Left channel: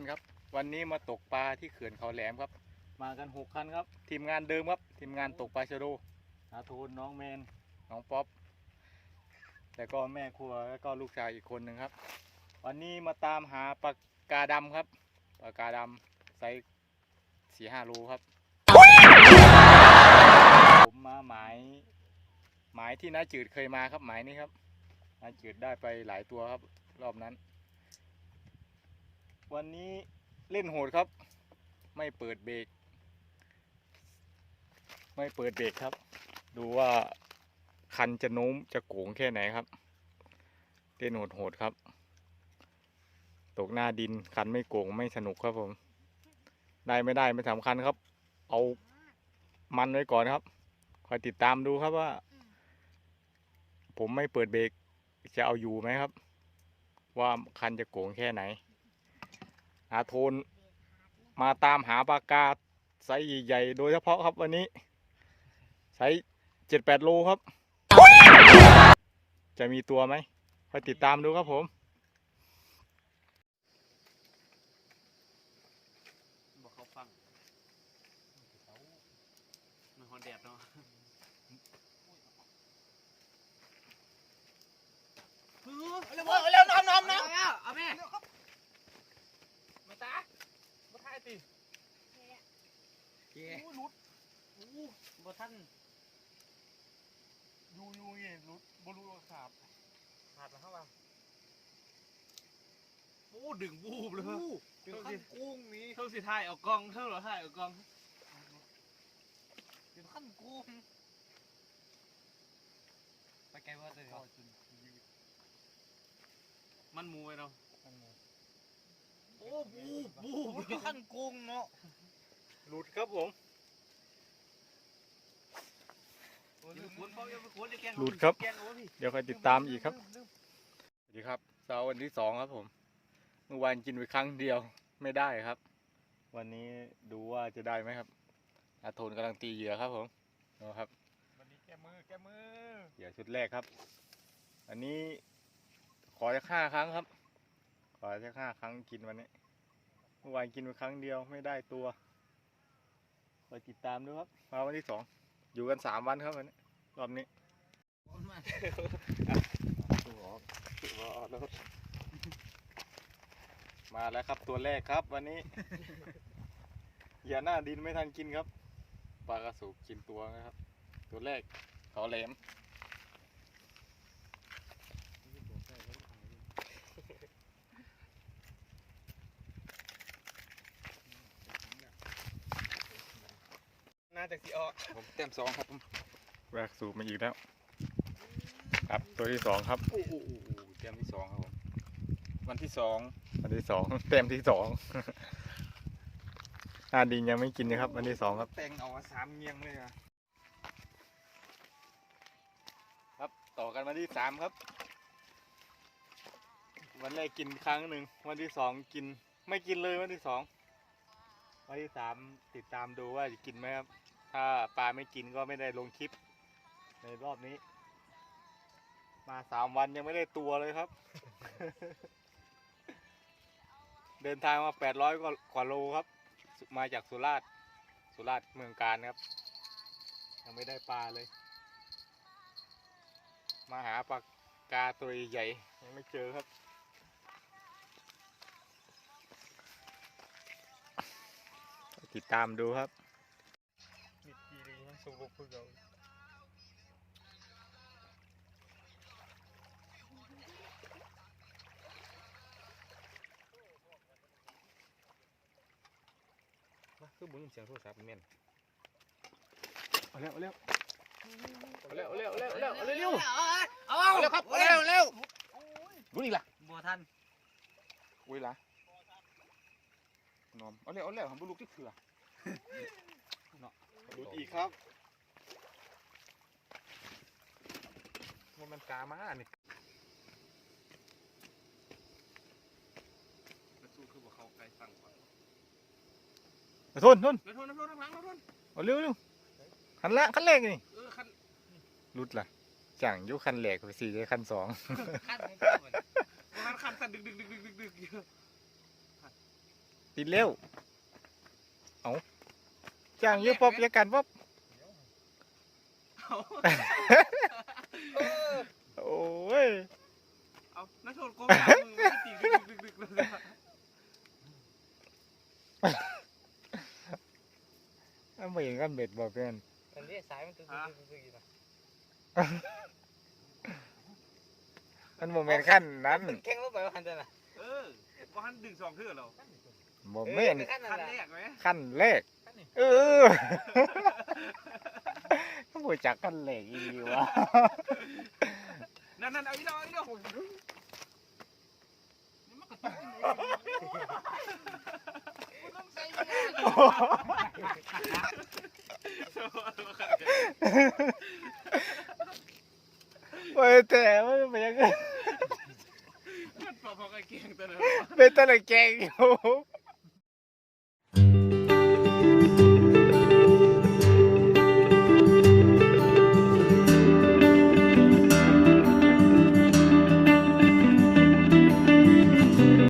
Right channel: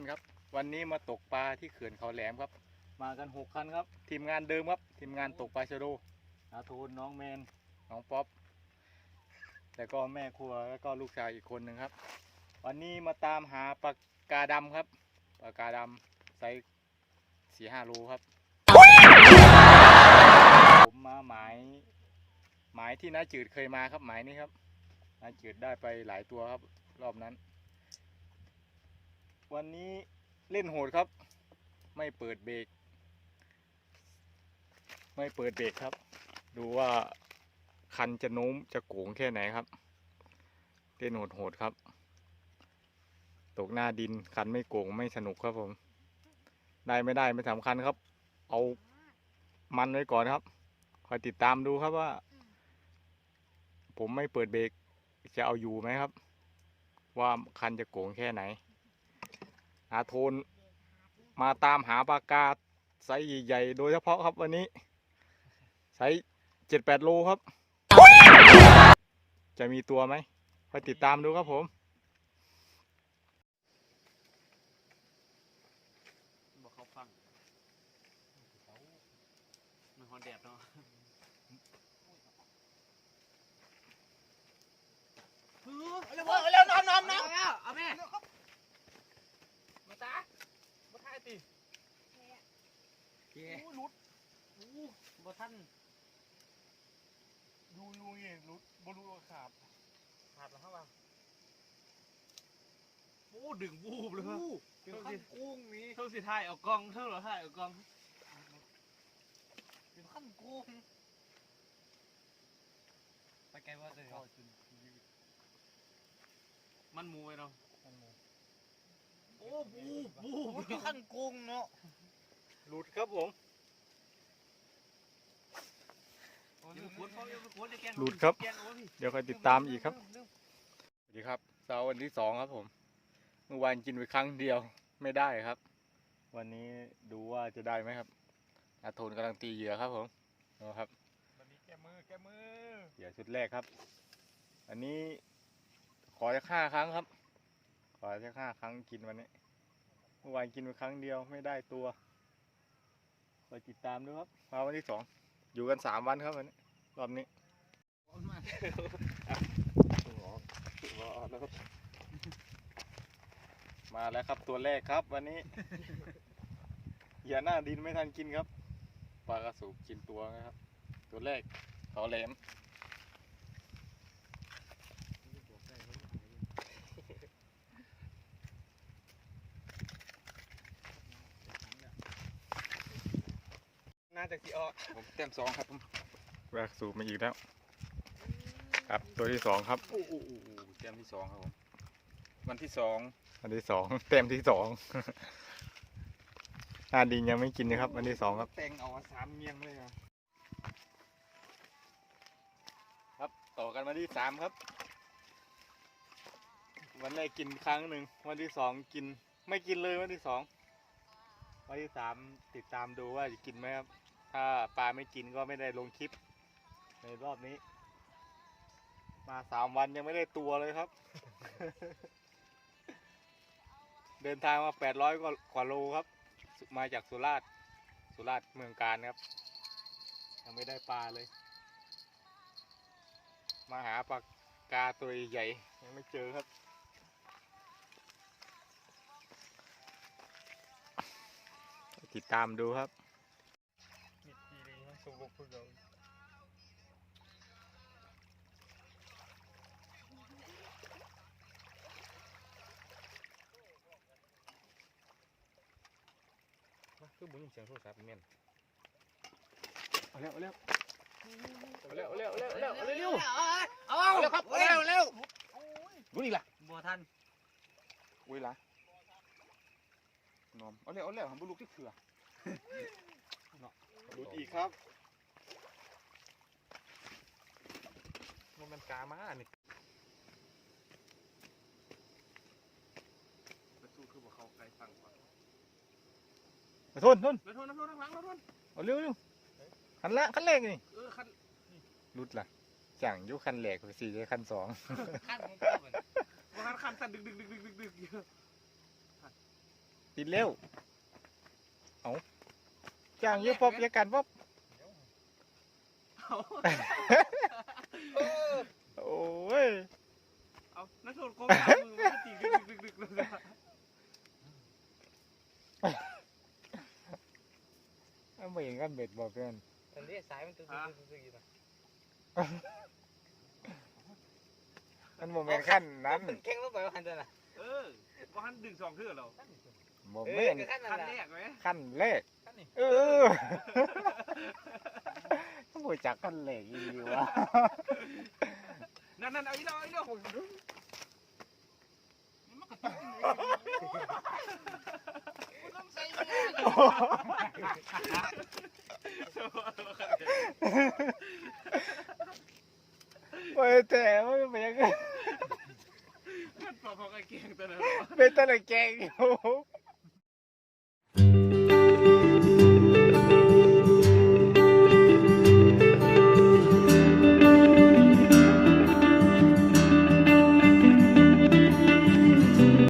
าทุกท่านครับ วันนี้มาตกปลาที่เขื่อนเขาแหลมครับ มากันหกคันครับ ทีมงานเดิมครับทีมงานตกปลาชะโดนาทูนน้องแมนน้องป๊อปแล้วก็แม่ครัวแล้วก็ลูกชายอีกคนหนึ่งครับ วันนี้มาตามหาปลากาดำครับปลากาดำไซส์สี่ห้าโลครับ ผมมาหมายหมายที่น้าจืดเคยมาครับหมายนี้ครับน้าจืดได้ไปหลายตัวครับ รอบนั้น วันนี้เล่นโหดครับ ไม่เปิดเบรก ไม่เปิดเบรกครับ ดูว่าคันจะโน้มจะโก่งแค่ไหนครับ เล่นโหดๆครับ ตกหน้าดินคันไม่โก่งไม่สนุกครับผม ได้ไม่ได้ไม่สำคัญครับ เอามันไว้ก่อนครับ คอยติดตามดูครับว่า ผมไม่เปิดเบรกจะเอาอยู่ไหมครับ ว่าคันจะโก่งแค่ไหน อาโทนมาตามหาปลากาไซส์ใหญ่ๆโดยเฉพาะครับวันนี้ไซส์เจ็ดแปดโลครับ จะมีตัวไหมคอยติดตามดูครับผม บอกเขาฟังมันหัวแดดเนาะเร็วเร็วน้ำน้ำน้ำเอาพี่ มาตามาถ่ายสิ เจ๊รุด บ่ท่านยูยูนี่รุดบรูขาดขาดแล้วครับโอ้ดึงบูบเลยดึงขั้นกุ้งนี้เท่าสิถ่ายเอากล้องเท่าเหรอถ่ายเอากล้องดึงขั้นกุ้งไปไกลว่าเลยก็กินยืดมันมูไปเนาะมันหมดโอ้บูบูดึงขั้นกุ้งเนาะหลุดครับผม หลุดครับ เดี๋ยวคอยติดตามอีกครับสวัสดีครับเช้าวันที่สองครับผม เมื่อวานกินไปครั้งเดียวไม่ได้ครับ วันนี้ดูว่าจะได้ไหมครับ อาโทนกำลังตีเหยื่อครับผมดูครับวันนี้แกมือแกมือเหยื่อชุดแรกครับ อันนี้ขอจะห้าครั้งครับ ขอจะห้าครั้งกินวันนี้ เมื่อวานกินไปครั้งเดียวไม่ได้ตัวคอยติดตามด้วยครับมาวันที่สอง อยู่กันสามวันครับวันนี้รอบนี้มาแล้วครับตัวแรกครับวันนี้ อย่าหน้าดินไม่ทันกินครับปลากระสูบกินตัวนะครับ ตัวแรกเขาแหลม น่าจะกี่ออกผมเต็มสองครับผมแวกสูบมาอีกแล้ว ครับตัวที่สองครับโอ้โหเตรียมที่สองครับผมวันที่สองวันที่สองเต็มที่สองหน้าดินยังไม่กินนะครับ วันที่สองครับแต่งเอาสามเงียงเลยอะครับต่อกันวันที่สามครับ วันแรกกินครั้งหนึ่งวันที่สองกิน ไม่กินเลยวันที่สองวันที่สามติดตามดูว่าจะกินไหมครับ ถ้าปลาไม่กินก็ไม่ได้ลงคลิป ในรอบนี้ มาสามวันยังไม่ได้ตัวเลยครับ เดินทางมาแปดร้อยกว่าโลครับ มาจากสุราษฎร์สุราษฎร์เมืองการครับ ยังไม่ได้ปลาเลย มาหาปลากาตัวใหญ่ยังไม่เจอครับติดตามดูครับ คือบึ้งเสียงโทรศัพท์เมียนเอาเร็วเอาเร็วเร็วเร็วเร็วเร็วเร็วเร็วเอาเร็วครับเร็วเร็วรู้อีกละบัวท่านอุ้ยละนอนเอาเร็วเอาเร็วผมบุลุกที่เถื่อดูอีกครับ มันมัน กามาเนี่ยสู้คือบอกเขาไกลสั่งทนทนแล้วทุนน้ำร้อนน้ำหลังน้ำร้อนเอาเร็วเร็วคันแรกคันแรกนี่เออคันรุดละจังอยุคันแรกไปสี่ได้คันสองคันของเขาเหมือนคันคันสั่นดึกดึกดึกดึกดึกดึกติดเร็วเอาจ้างอยืป๊อบอยากันป๊อบโอ้ย เอานักโทษกูมือตีดึกดึกดึกดึกดึก เอาไม่ เห็นกันเบ็ดบอกเพื่อนตอนนี้สายมันตึกตึกตึกตึกอยู่นะมันโมเมนต์ขั้นนั้นแข็งลงไปว่าหันเดินอะเออว่าหันดึงสองเทื่อเราโมเมนต์ขั้นนั่คันนแหละแรกไหมขั้นแรกขั้นนี่เออต้องรู้จักขั้นแรกอีกวะนั่นนั่นเอาอีกแล้วเอาอีกแล้วโอ้ยแต่ไม่เป็นยังไงพอพอไอ้เก่ งตัวนั้นเป็นตะละแกงอยู่